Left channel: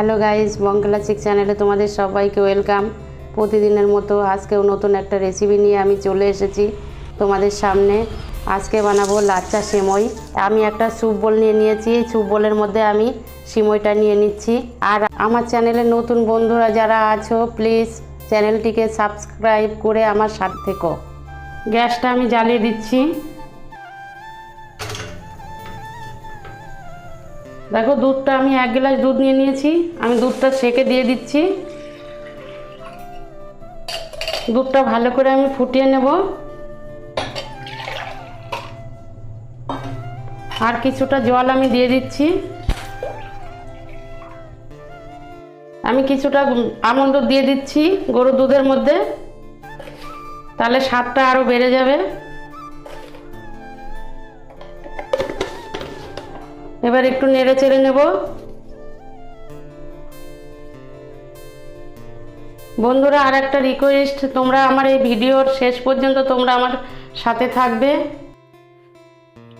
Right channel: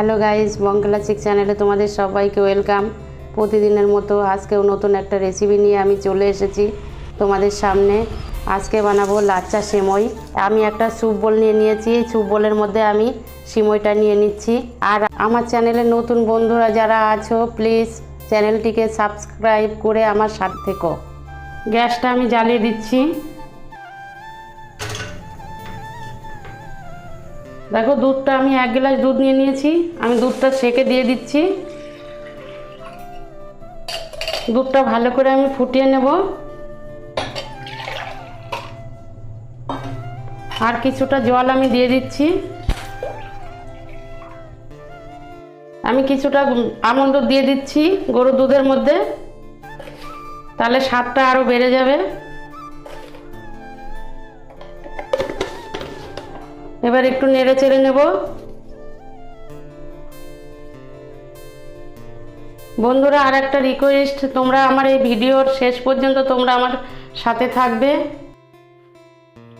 Hello guys, বঙ্গলাচিক চ্যানেলে তোমাদের সবাইকে ওয়েলকাম। প্রতিদিনের মতো আজকেও নতুন একটা রেসিপি নিয়ে আমি চলে এসেছি তোমাদের সামনে। আজকে বানাবো লাচ্চা সিমই। আমি একটা স্যুপ বোল নিয়ে নিয়েছি। এই স্যুপ বোলের মধ্যে আমি সিমইটা নিয়ে নিচ্ছি। আর আমার চ্যানেলে নতুন বন্ধুরা যারা আছো, প্লিজ চ্যানেলটিকে সাবস্ক্রাইব করে আমার সাথে থেকো। গ্যাসটা আমি জ্বালিয়ে দিচ্ছি। দেখো, দুধটা আমি 1 গ্লাস দুধ নিয়ে নিয়েছি। আমি দুধটা সেকে দিয়ে দিচ্ছি। দুধটা ভালো করে আমি ফুটিয়ে নেব। আর কিছুটা জল আমি দিয়ে দিচ্ছি। আমি কিছুটা আমন্ড দিয়ে দিচ্ছি গরুর দুধের মধ্যে, তাহলে স্বাদটা আরও বেড়ে যাবে। এবার একটু নেড়ে চেড়ে নেব। বন্ধুরা, আর একটা রিকোয়েস্ট, তোমরা আমার এই ভিডিওর শেষ পর্যন্ত তোমরা আমার সাথে থাকবে।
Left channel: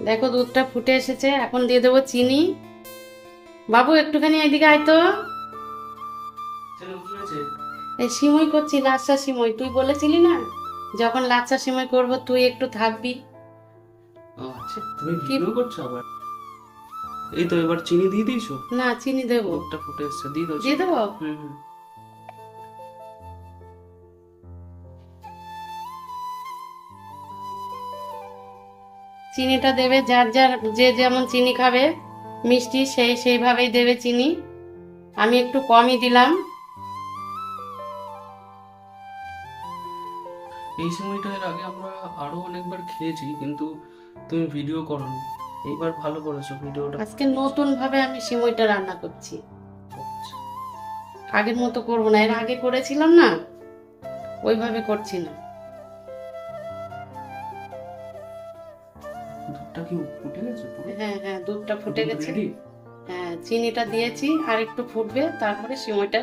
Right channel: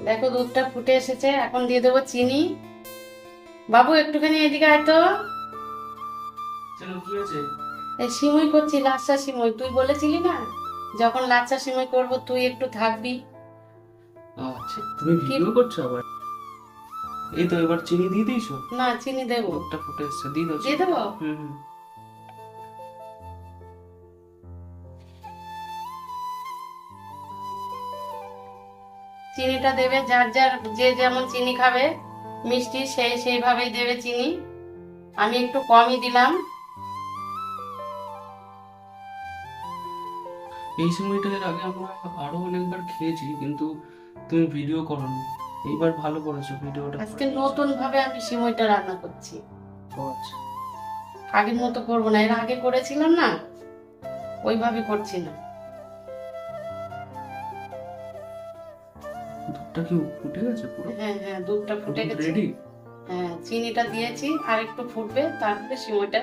দেখো, দুধটা ফুটে এসেছে। এখন দিয়ে দেবো চিনি। বাবু, একটুখানি এদিকে আয় তো। এই সিমই করছি, লাচ্চা সিমই। তুই বলেছিলি না যখন লাচ্চা সিমই করব তুই একটু থাকবি। আচ্ছা, তুমি ভিডিও করছো আবার? এই তো, এবার চিনি দিয়ে দিয়েছো? না, চিনি দেবো। দুধটা ফুটে এসছে, দিয়ে দাও। দিয়ে দেবো। হুম। চিনিটা দেবে যার যার, যে যেমন চিনি খাবে মিষ্টি সেইভাবেই দেবে চিনি। আমি একটু কমই দিলাম। এই সময়টা এর আগে আমরা আরো অনেকবার খেয়েছি, কিন্তু তুমি ভিডিও করোনি। এইবার ভালো করেছো ভিডিওটা। আজকে নতুন ভাবে আমি সিমইটা রান্না করছি। ও আচ্ছা। আগের মতো করবো না, এর আগে করেছিলাম না ওইভাবে করছি না। দুধটা কি ফুটে গেছে পুরো? হ্যাঁ হ্যাঁ, দুধটা ফুটে গেছে। রেডি? হ্যাঁ, চিনিটা দিয়েছি, আর একটু ফুটবে, তারপরে সিমইটা,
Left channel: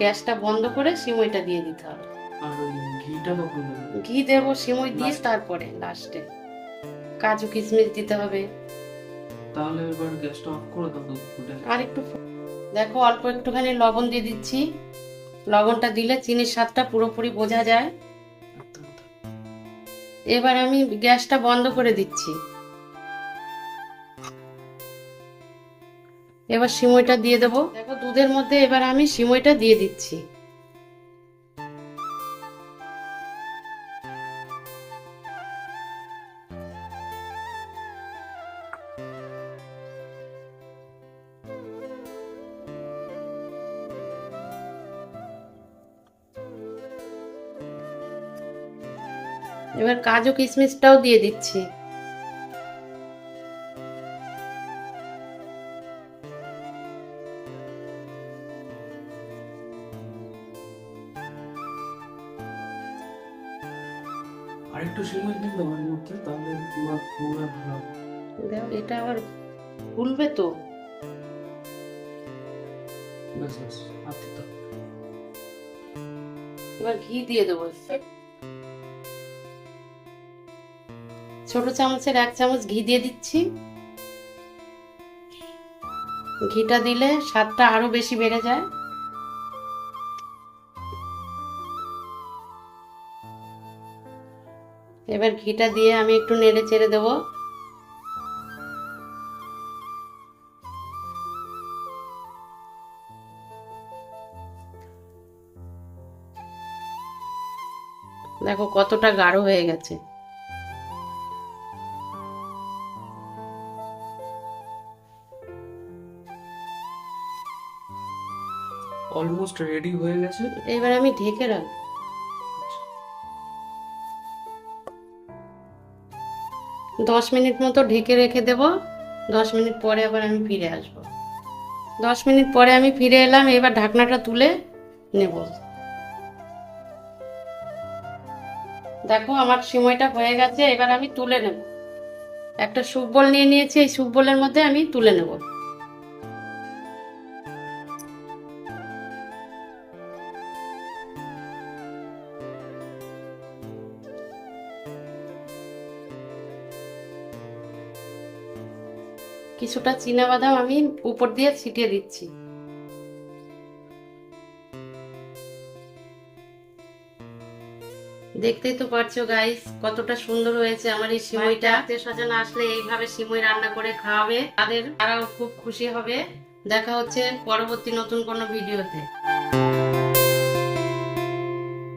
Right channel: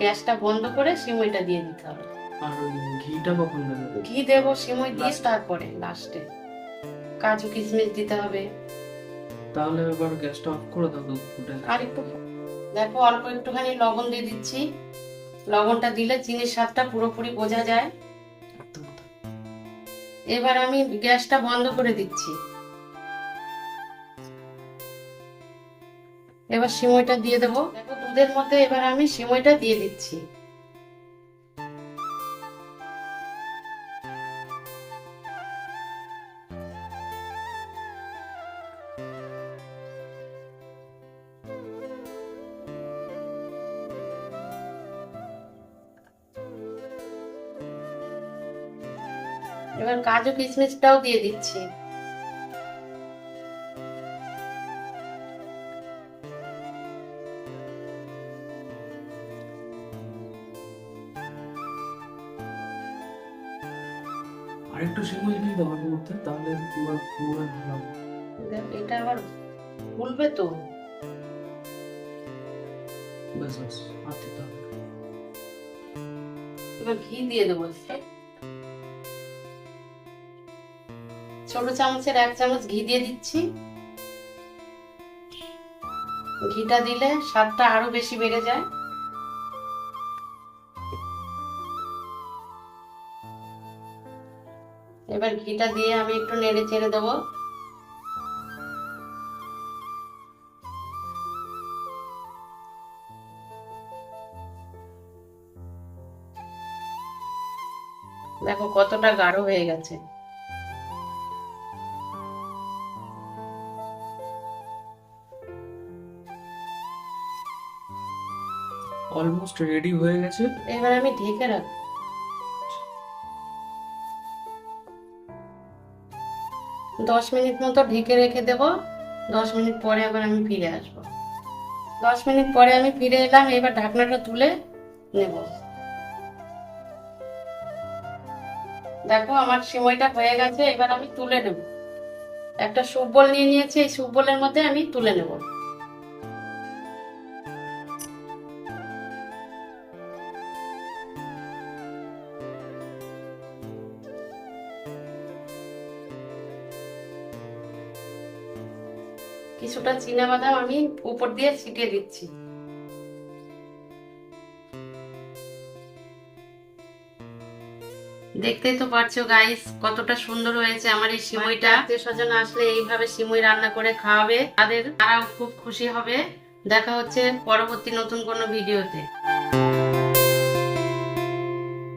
গ্যাসটা বন্ধ করে সিমইটা দিয়ে দিতে হবে। আর ওই ঘিটা কখন দেবে? ঘি দেবো সিমই দিস, তারপরে লাস্টে কাজু কিশমিশ দিতে হবে। তাহলে এবার গ্যাসটা অফ করে দাও, দুধ ফুটে আর একটু দেখো, অল্প একটুখানি লবণ দিয়ে দিচ্ছি। লবণটা দিলে চিনির স্বাদটা পুরোপুরি বোঝা যায়। এবার আমি গ্যাসটা বন্ধ করে দিচ্ছি। এবার সিমইটা দিয়ে দেবো। দেখো, দুধের মধ্যে এবার আমি সিমইটা দিয়ে দিচ্ছি। এবার কাজু কিশমিশটাও দিয়ে দিচ্ছি। আর একটু সময় দিয়ে দাও এর মধ্যে, তাহলে পুরো পুরো ভালো হবে। দেখো, এটা আবার ফুলবে তো। ব্যাস ব্যাস, আর দিতে হবে। এবার ঘি দিয়ে দেবো। ছোট চামচের 1 চামচ ঘি দিয়ে দিচ্ছি। ঘিটা দিলে স্বাদটা আরো বেশি বেড়ে যায়। এবার ঘিটা দিয়ে আমি একটু নেড়ে চেড়ে দেবো। দেখো কতটা গাঢ় হয়ে গেছে। অলমোস্ট রেডি হয়ে গেছে। এবার আমি ঢেকে রাখবো। 10 মিনিট মতো ঢেকে রেখে দেব। 10 মিনিট পরে আবার আমি ফিরে আসবো। 10 মিনিট পরে আমি ফিরে এলাম। এবার ঢাকনাটা তুলে নেব। দেখো, আমার সিমইটা হয়ে গেছে। এবার আমি তুলে নেব। একটা স্যুপ বোল নিয়ে নিয়েছি, এই স্যুপ বোলের মধ্যে আমি তুলে নেব। কিছুটা চীনা বাদাম আমি উপর দিয়ে ছিটিয়ে দিচ্ছি। দেখতেই তো পারছো গাইস কতটা সুন্দর হয়েছে আমার এই সিমইটা। আত্মীয় স্বজন আসলে এইভাবে সিমই রান্না করে খাওয়াবে, তারাও খুব খুশি হবে। দেখা হচ্ছে পরবর্তী নতুন কোনো ভিডিওতে।